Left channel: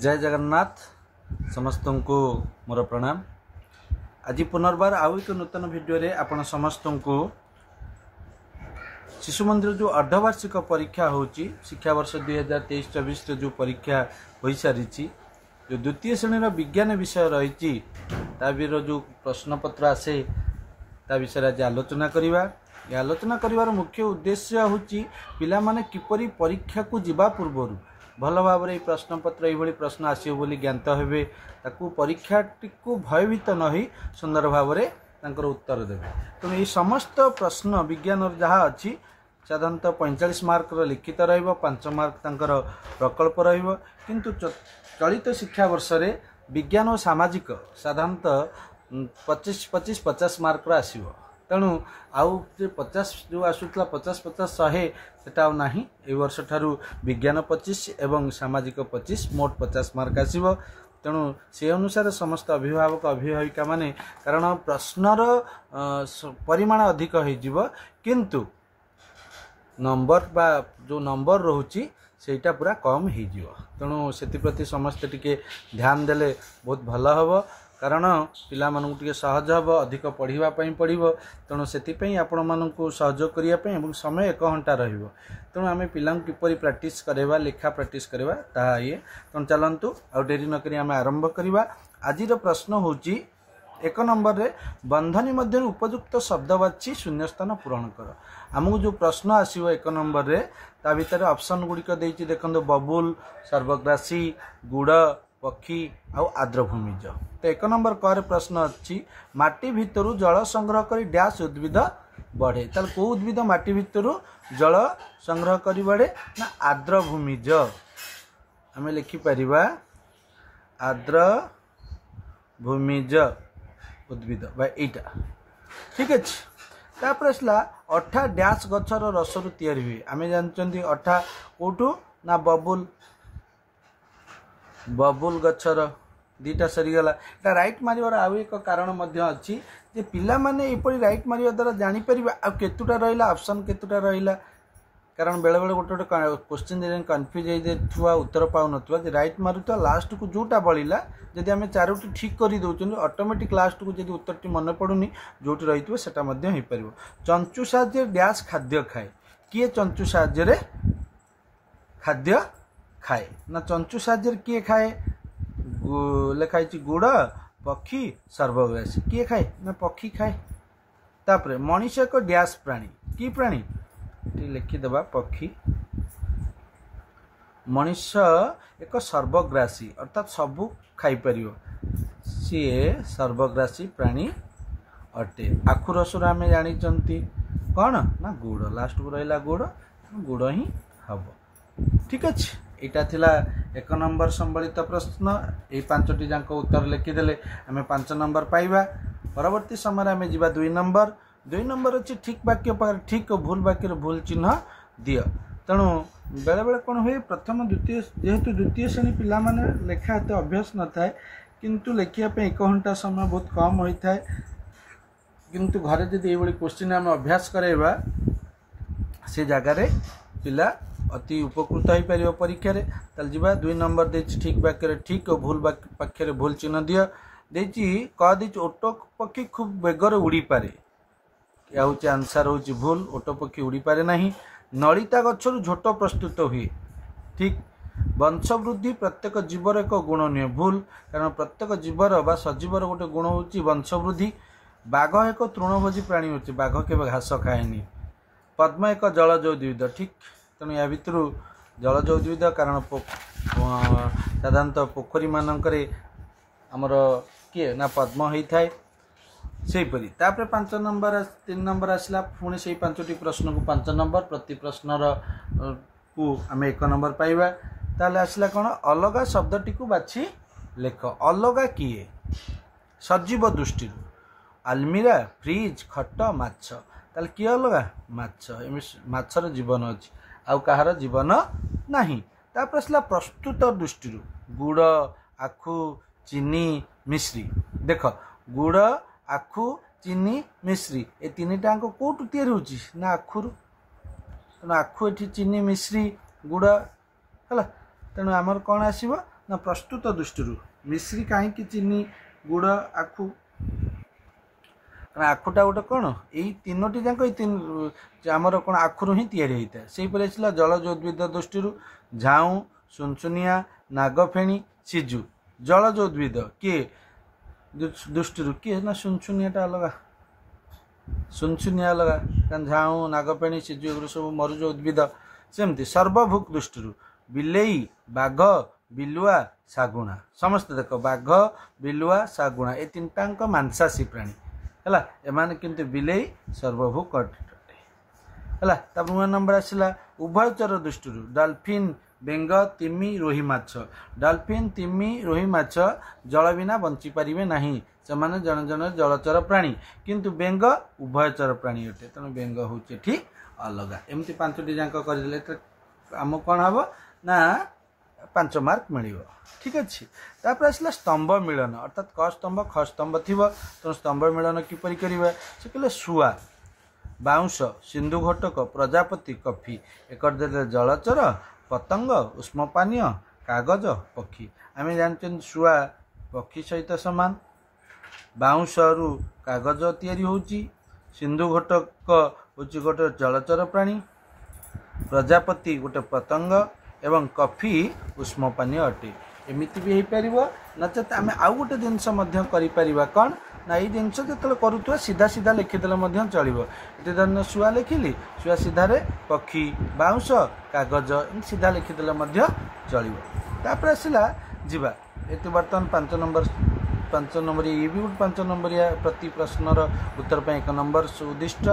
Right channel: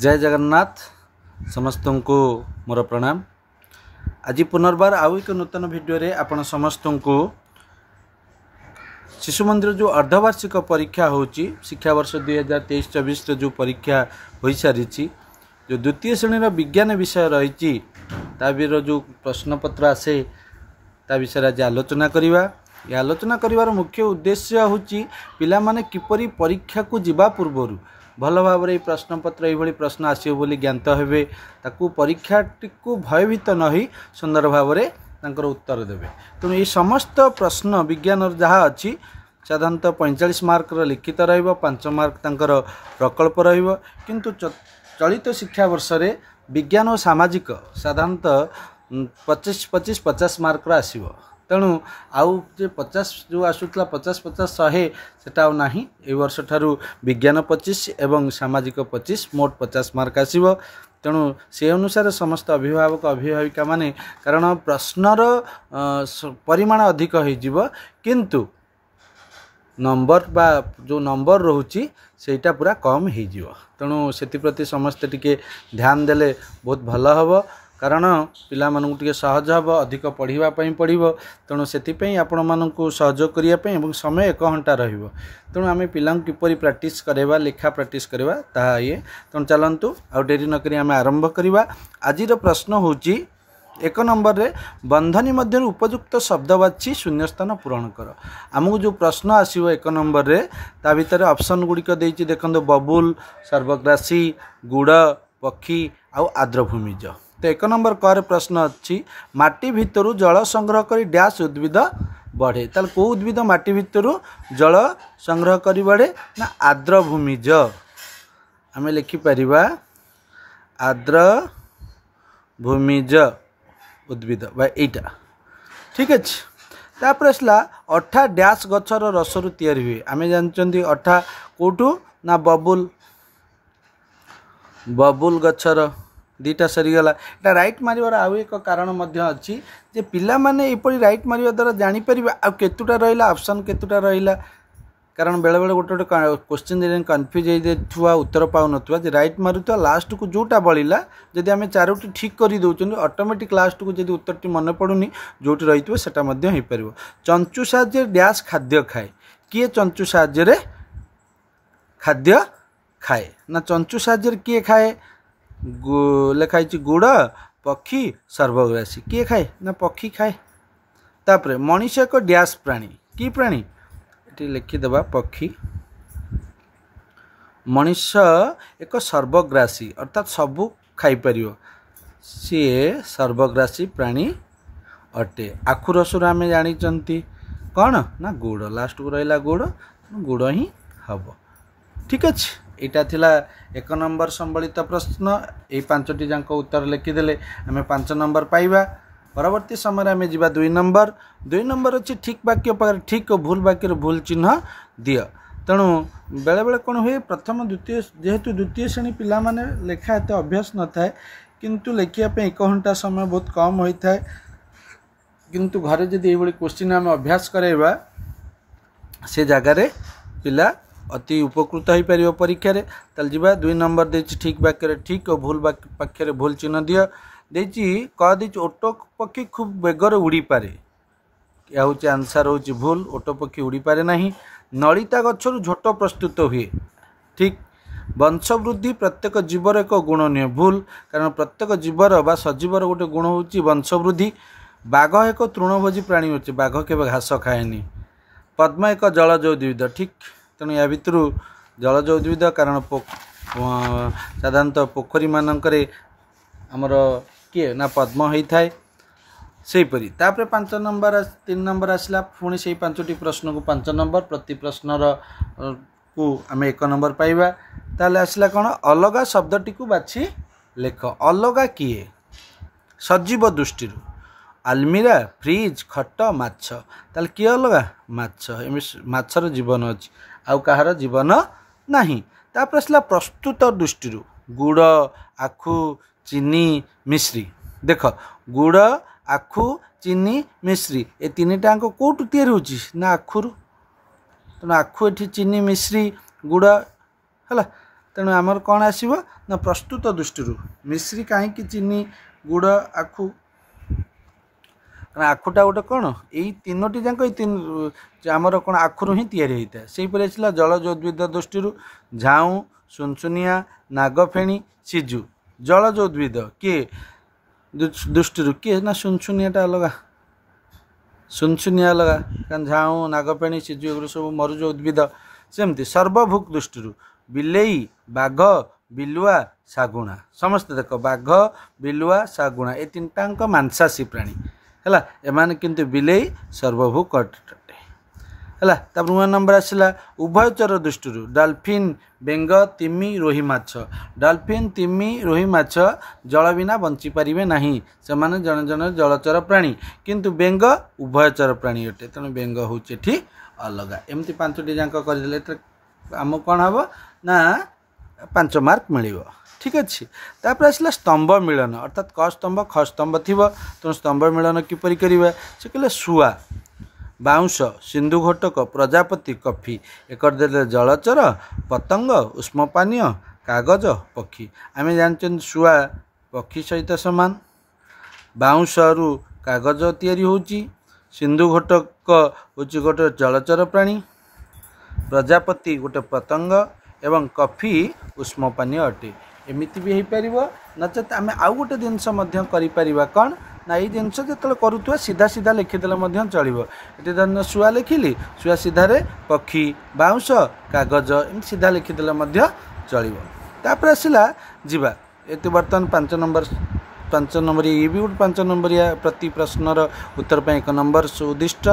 जय जगन्नाथ समस्त को मोर प्रणाम। आज पुनर्बार आउ एक नूतन वीडियो रे आपण समस्त को शिशु मंदिर जो अर्धवार्षिक परीक्षा होची शिक्षा वर्ष 2023-24 जो परीक्षा हो सारी जो द्वितीय श्रेणी विज्ञान विषय रही जो प्रश्न पत्र आसे ता विषय आज आलोचना करवा। ये आलोचना कर मुख्य उद्देश्य होची पिला माने किपरि परीक्षा को जिबा पूर्व भल भाव प्रश्न पत्र ये प्रश्न आसो बोली ज्ञात हेबे ताकू परीक्षाटी को भयभीत न हो सुंदर भाव उत्तर देवे। तेणु ये समस्त प्रश्न विज्ञान जहाँ अच्छी साधारणतः 45 मार्क लिखित रच मार्क तंकर प्रकल्प रु चलित शिक्षा वर्ष रे विज्ञान और सामाजिक साधारणतः 25-50 मार्क आसो। तेणु आउ जे 50 जो आसूला 50-50 100 सेटा ना ए वर्ष ठारू विज्ञान 25 एवं सामाजिक 25 मोट 50 मार्क आसीबो। तेणु से अनुसार समस्त अभिभावक अभिभाविका माने कारण प्रश्नर परिमाण अधिक हो किंतु नंबर बा जो नंबर रोची सेटा पूरा कम हो। तेणु से समस्ते टिके ध्यान देले बहुत भल हम कारण पिला मानू टिके सहज हम अधिक पढ़ाई पड़ो। तेणु से आपण मानू सहयोग करने समय 1 घंटा रहिबो। तेणु आम पिला किपरि प्रैक्टिस करवा लेखा प्रैक्टिस करवा ता ये। तेणु चलतु आ डेरी नक आम आरंभ करवा। आज प्रश्न होची 1 नंबर रे बंधनी मध्य उपयुक्त शब्द बाछि शून्यस्थान पूरण कर। आमको जो प्रश्न आसीबो 1 नंबर रे ता भीतर ऑप्शन गुड़िक देछि देखंतु बबुल सर्वग्रासी गुड़ पक्षी आउ आर्द्रभूमिज। तो 1 नंबर कर प्रश्न अच्छी माटी भितर जल संग्रह कर डैश उद्भिद बढ़े। ताल को उद्भिद माटी भितर जल संग्रह कर बढ़े ना आर्द्रभूमिज। आम लिखिपर आर्द्रभूमिज उद्भिद भाईटा ठीक अच्छे। तापर आसला अठा डैश गछर रसरु तैयारी हुए। आम जानते अठा कौटू ना बबुल गछर दीटा सरीगला। এটা राइट मारिवार आउ एक कारण अच्छी जे पिला माने एपरी राइट मारिवा द्वारा जानीपर आ केतुटा रहा ऑप्शन केतुटा रहा कारण बेले बेले गोटे गोटे क्वेश्चन कन्फ्यूज हो उत्तर पाऊन जे राइट मारुवा लास्ट को जोटा बलिला जदि आम 4टी ठीक कर दौरान ऑटोमेटिक लास्ट को जब उत्तर मन पड़ूनी जोटी रही है पार। चंचु साहाଯ୍य डैश खाद्य खाए किए चंचु साहाଯ୍य खाद्य खाए ना चंचु साहाଯ୍य किए खाए लिखाई गुड़ पक्षी सर्वग्रासी किए खाए ना पक्षी खाए। तापर मनीष एक डैश प्राणी कि प्राणी ये लिखिदेवा पक्षी। मनीष एक सर्वग्रासी अर्थात सबू खाईपर सी सर्वग्रासी प्राणी अटे। आखु रसर आम जानी कौन ना गुड़ लास्ट को रहा गुड़ ही हम ठीक अच्छे। यहाँ थिला 1 नंबर संबलित प्रश्न ये 5टी जाक उत्तर लिखिदेले आम 5 नंबर पाइबा। परवर्ती समय आम जा 2 नंबर। 2 नंबर अच्छी ठीक वाक्य पर ठीक और भूल वाक्य भूल चिन्ह दियो। तेणु बेले बेले कौन हुए प्रथम द्वितीय जेहेतु द्वितीय श्रेणी पिला माने लेखा एत अभ्यास न थाए किंतु लेखिया 1 घंटा समय बहुत कम होता है किंतु घरे जदि ये क्वेश्चन आम अभ्यास कराइबा से जगार पिला अति उपकृत हो पार परीक्षा रे। ताल जीवा 2 नंबर दे ठीक वाक्य ठीक और भूल वाक्य भूल चिन्ह दियो देची कह दी ओटो पक्षी खूब बेगर उड़ी पारे या हूँ आंसर हूँ भूल ओटो पक्षी उड़ी पारे नहीं। नलिता गछरु झोट प्रस्तुत हुए ठीक। वंशवृद्धि प्रत्येक जीवर एक गुण नुहे भूल कारण प्रत्येक जीवर बा सजीवर गोटे गुण हूँ वंशवृद्धि। बाघ एक तृणभोजी प्राणी होचे बाघ केवे घास खाएनी। पद्म एक जलज उद्भिद ठीक। तेणु या भितर जलज उद्भिद कारण साधारणतः पोखरी मानकरे आमर किए ना पद्म होता है सेहीपरी। तापर 5 नंबर 3 नंबर आसला पुणी से 5टी प्रश्न को 5 नंबर प्रति प्रश्नर को आम 1 नंबर पाइबा। ताले आसला कौन अलगा शब्दटी को बाछि लेख। अलगा किए सजीव दृष्टि आलमीरा फ्रिज खट माछ ताले किए अलगा माछर जीवन अच्छी आउ कहार जीवन नहीं। तापर आसला प्रस्तुत दृष्टि गुड़ आखु चीनी मिश्री। देख गुड़ आखु चीनी मिश्री ए 3टाक कौटू तैयारी होची ना आखुर। तेना आखु एठी चीनी मिश्री गुड़ है तेणु आमर कौन आसो ना प्रस्तुत दृष्टि मिश्री कहीं चीनी गुड़ आखु आखुटा गोटे कौन यही तीनोटी जाक आमर कौन आखुर ही तैयारी होता है से आसला जलज उद्भिद दृष्टि झाऊ सुनसुनिया नागफेणी सिजु जलज उद्भिद किए दृष्टि किए ना सुनसुनियाटा अलग सुनसुनिया अलग कारण झाऊ नागफेणी सिजु एगुरी सब मरुज उद्भिद सेमती सर्वभुक दृष्टि बिलेई बाघ बिलुआ शागुणा समस्त देख बाघ बिलुआ शागुणा ये तीनटाक मांसाशी प्राणी है एमाने किंतु बिलेई सर्वभुक अटे है तापर 9 नंबर आसला उभयचर दृष्टि डॉल्फिन बेंग तिमी रोही माछ डॉल्फिन तिमी रोही माछ जल बिना बंची पारिबे नाही से माने जन जन जलचर प्राणी किंतु बेंग उभयचर प्राणी अटे तेणु बेंग होचे एठी अलग एमती 5टी जाक करदेले आम कौन हम ना 5 मार्क मिल ठीक अच्छे तापर आसला स्तंभ मिलन अर्थात क स्तंभ ख स्तंभ थी तेणु स्तंभ मिलन किपर करवा से कहले शुआ बाउंश सिंधु घोटक प्रजापति कफी एक जलचर पतंग उष्म पानीय कागज पक्षी आम जान शुआ पक्षी सहित सामान बाउंश रु कागज तैयारी होची सिंधु घोटक हूँ गोटे जलचर प्राणी प्रजापति गोटे पतंग एवं कफी उष्म पानीय अटे एमती भी हो पार नचेत आम आउ गोटे जिनस कौन ना ये जिनस जो करुवा सीधा सीधा लिखिदेले चलो ये धर शुआ लिखिली शुआ सीधार पक्षी बाउंश कागज एम सीधा लिखिदेले चलो तापर आसला जीवा ये बर्तमान 5 नंबर ये भी गोटे 5 नंबर प्रति प्रश्नर उत्तर पर 1 नंबर सुदिष्ट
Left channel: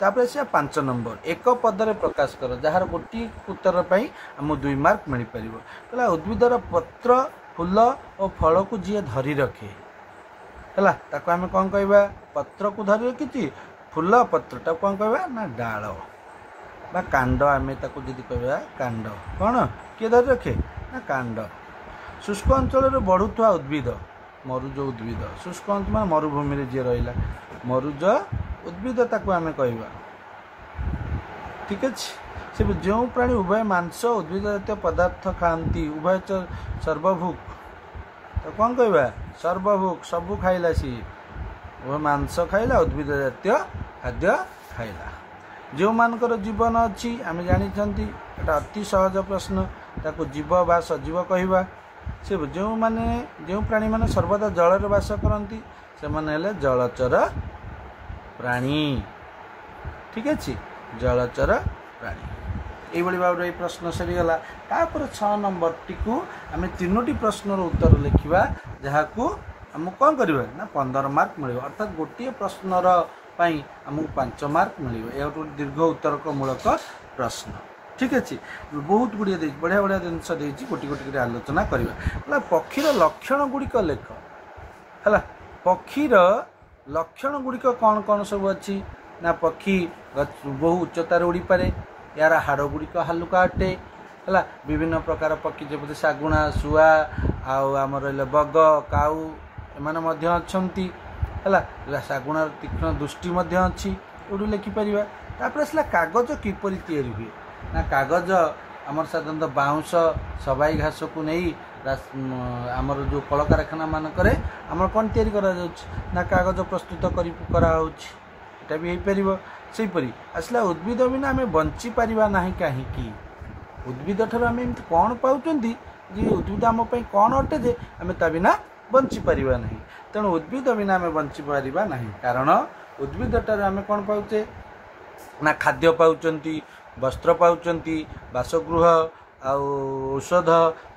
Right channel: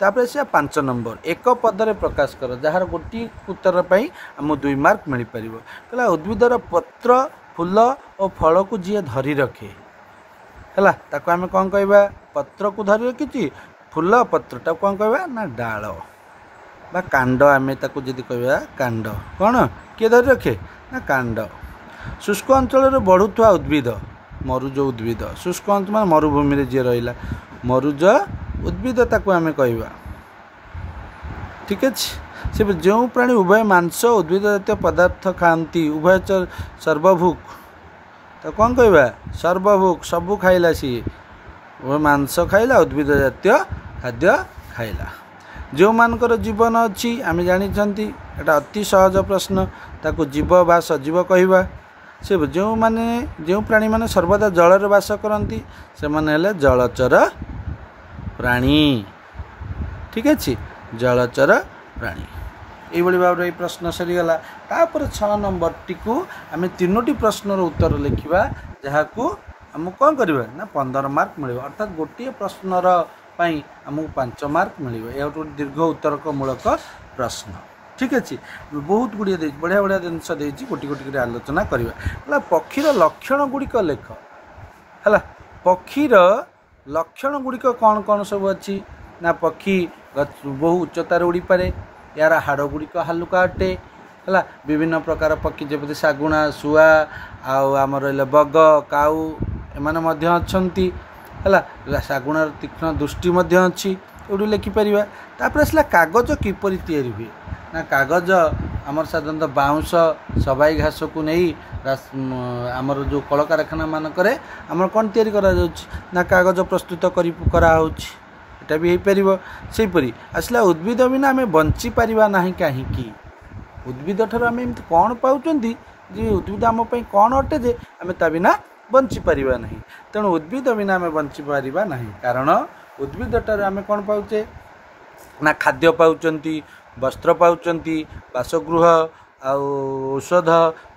तापर से 5 नंबर एक पदरे प्रकाश कर जार गोटे उत्तर पर आम 2 मार्क मिल पार कहला उद्भिदर पत्र फूल और फल को जी धरी रखे है ताको आम कौन कहवा पत्र को धरी रखी फूल पत्रटा कौन कहवा ना डाल बा कांड आम ताको जदि कहवा कांड कौन किए धरी रखे ना कांड शुष्क अंचल बढ़ुवा उद्भिद मरुज उद्भिद शुष्क अंचल मान मरुभूमि जी रहा मरुज उद्भिद ताको आम कहवा ठीक अच्छे से जो प्राणी उभय मांस उद्भिद जातीय पदार्थ खाती उभय सर्वभुक तो कौन कहवा सर्वभुक सबू खाइला सी उभय मांस खाइला उद्भिद जातीय खाद्य खाइला जो मानकर जीवन अच्छी आम जानी एटा अति सहज प्रश्न ताको जीव बा सजीव कहवा से जो माने जो प्राणी माने सर्वदा जल बास करती से माने हेले जलचर प्राणी ठीक अच्छे जलचर प्राणी यही भाव में प्रश्न सरीगला तापर 6 नंबर टी आम 3टी प्रश्नर उत्तर लिखा जहाँ को आम कौन करवा ना 15 मार्क मिल अर्थात गोटे प्रश्नर आमको 5 मार्क मिल यह दीर्घ उत्तरकमूलक प्रश्न ठीक अच्छे बहुत गुड़िया बढ़िया बढ़िया जिनस गोटी गोटी आलोचना करवा पक्षीर लक्षण गुड़िक लेख है पक्षीर लक्षण गुड़िक कौन कौन सब अच्छी ना पक्षी बहु उच्चतार उड़ी पारे यार हाड़ गुड़िक हालुका अटे है विभिन्न प्रकार पक्षी जमी शागुणा शुआ आम रहा बग काऊ एम है शागुणार तीक्ष्ण दृष्टि अच्छी ये लिखिपर तापर आसला कागज किपर तैयारी हुए ना कागज आमर साधारणतः बाउंश सबाई घास को नहीं आमर जो कल कारखाना मानक आमर कौन तैयारी करा ना कागज प्रस्तुत कराटा भी हो पार से आसला उद्भिद बिना आम बंची पारिबा नाही कहीं उद्भिद ठार आम एमती कौन पाँच उद्भिद आम कौन अटे जे आम ता बिना बंची पारिबा नाही तेणु उद्भिद बिना आम बंची पारिबा नाही कारण उद्भिद ठार आम कौन पाउचे ना खाद्य पाउचंती वस्त्र पाउचंती बासगृह औषध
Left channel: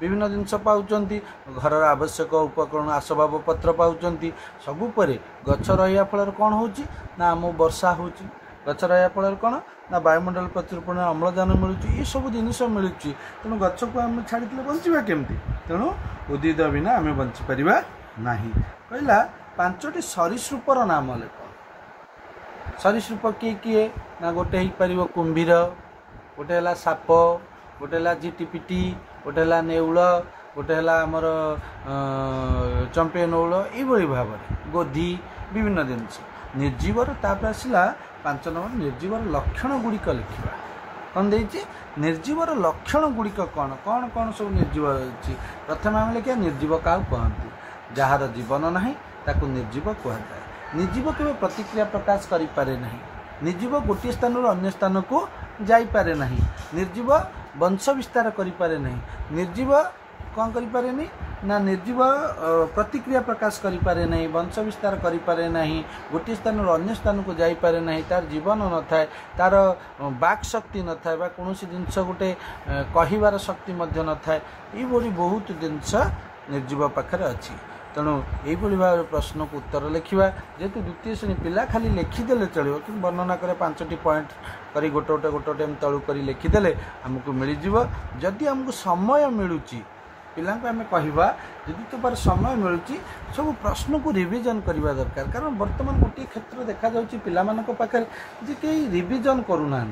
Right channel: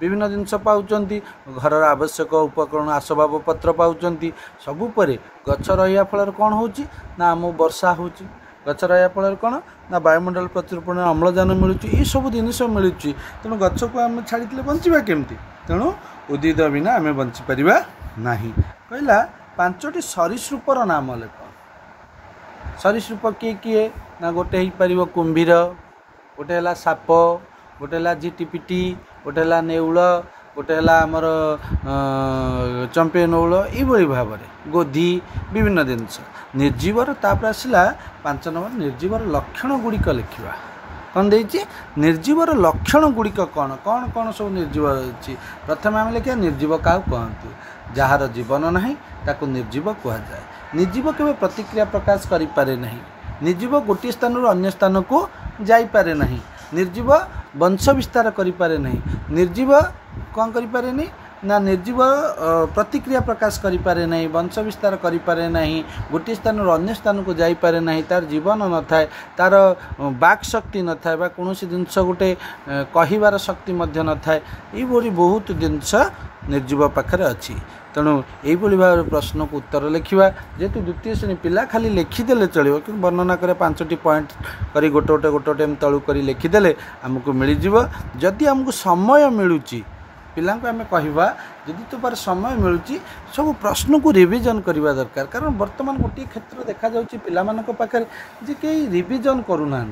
विभिन्न जिनस पाउचंती घर आवश्यक उपकरण आसबाब पत्र पाउचंती सबुपरे गछ रहा फल कौन होची ना आम वर्षा होची गछ रहा फल कौन ना वायुमंडल प्रचुर परिमाण अम्लजान मिलूँ ये सब जिन मिलूँ तेणु गछ को आम छाड़ी बंचा केमती तेणु उद्भिद बिना आम बंची पारिबा नाही कहला 5टी सरीसृपर नाम लेख सरीसृप किए किए ना गोटे हो पार कुंभीर गोटे है साप गोटे है झिटिपिटी गोटे है नेउल गोटे है आमर चंपे नौल ये भाव में गोधी विभिन्न जिनस निर्जीवर तापर आसला 5 नंबर निर्जीवर लक्षण गुड़िक लिखा कौन देछि निर्जीवर लक्षण गुड़िक कौन कौन कौन सब निर्जीव अच्छी प्रथम आम लिखा निर्जीव क्या कहती जार जीवन ना ताकू निर्जीव कहुए निर्जीव केवल प्रतिक्रिया प्रकाश करें ना निर्जीव गोटे स्थान अन्य स्थान को जापे ना निर्जीव वंश विस्तार करें ना निर्जीव कौन करें ना निर्जीव प्रतिक्रिया प्रकाश करें ना वंश विस्तार करें ना गोटे स्थान अन्य स्थान को जापे ना तार जीवन न थाए तार बाक शक्ति न थाए कौन जिनस गोटे कहबार शक्ति न थाए ये बहुत जिनस निर्जीव पाखे अच्छी तेणु यही भाव प्रश्न को उत्तर लिखा जेहेतु द्वितीय श्रेणी पिला खाली लिखिदे चलो कि वर्णना करे 5टी पॉइंट करी गोटे गोटे तलू कर लिखिदे आमको मिलଯିव जदि आमको समय मिलूँ पिला आम कहवा जदि तो बार समय मिलूँ सब प्रश्न को रिविजन करवा दरकार कारण बर्तमान गोटे क्षेत्र देखा जाउछि पिला मानक पाखे जे कई रिविजन करूना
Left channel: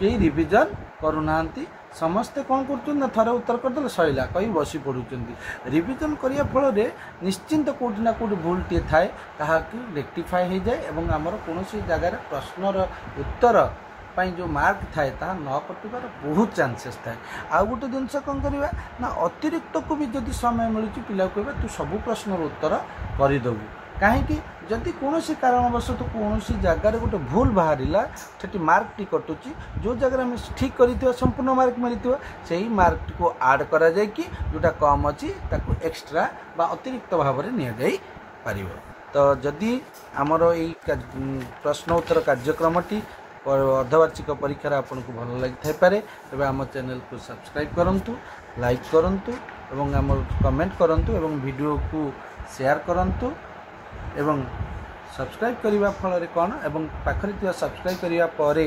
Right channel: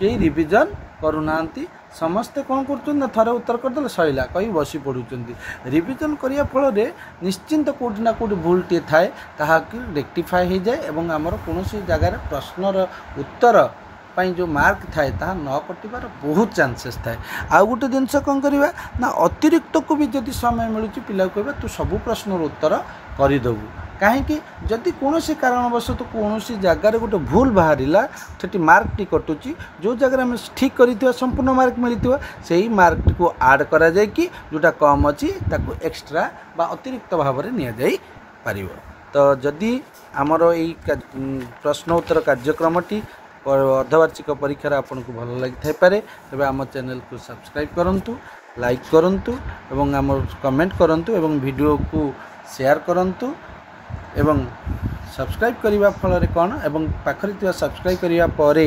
कई रिविजन करूना समस्ते कौन कर थर उत्तर करदे सैला कहीं बसी पड़ुं रिविजन करने फल निश्चिंत कौटि ना कौटि भूल टे थाए ताकि रेक्टिफाए हो जाए और आमर कौन जगार प्रश्नर उत्तर जो मार्क थाए ता न कटिबार बहुत चांसेस थाए आउ गोटे जिनस कौन करवा ना अतिरिक्त को भी जदि समय मिलूँ पिला कहवा तू सबू प्रश्नर उत्तर करदेबू कहीं जदि कौन कारणवश तो कौन जगार गोटे भूल बाहर से मार्क टी कटुची जो जगह आम ठीक कर संपूर्ण मार्क मिलता से ही मार्क को आड करा जाए कि जोटा कम अच्छी एक्सट्रा बा अतिरिक्त भाव में नि पार तो जदि आमर यही प्रश्न उत्तर कार्यक्रमटी अर्धवार्षिक परीक्षार आपन को भल लगी थाईपे तेज आम चैनल को सब्सक्राइब करूँ लाइक करूँ एवं आम कमेंट करूँ एवं वीडियो को शेयर करूँ एवं सब्सक्राइब करने फल कौन एवं पाखरे सब्सक्राइब करने पर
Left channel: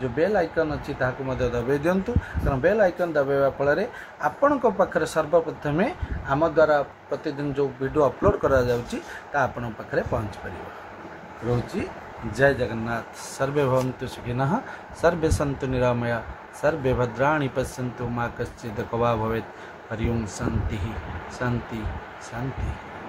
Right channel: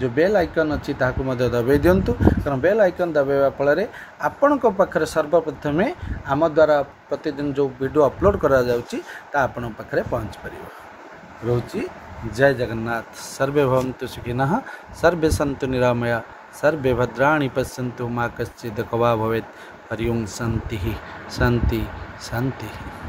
जो बेल आइकन अच्छी ताकू दबाई दिंतु कारण बेल आइकन दबाइवा फल आपण पाखे सर्वप्रथम आम द्वारा प्रतिदिन जो वीडियो अपलोड करा जाउची ता आपण पाखे पहुँच पार रोची। जय जगन्नाथ। सर्वे भवन्तु सुखिनः सर्वे सन्तु निरामया सर्वे भद्राणि पश्यन्तु मा कश्चित् दुःखभाग् भवेत्। हरि ओं शान्तिः शान्ति शान्तिः।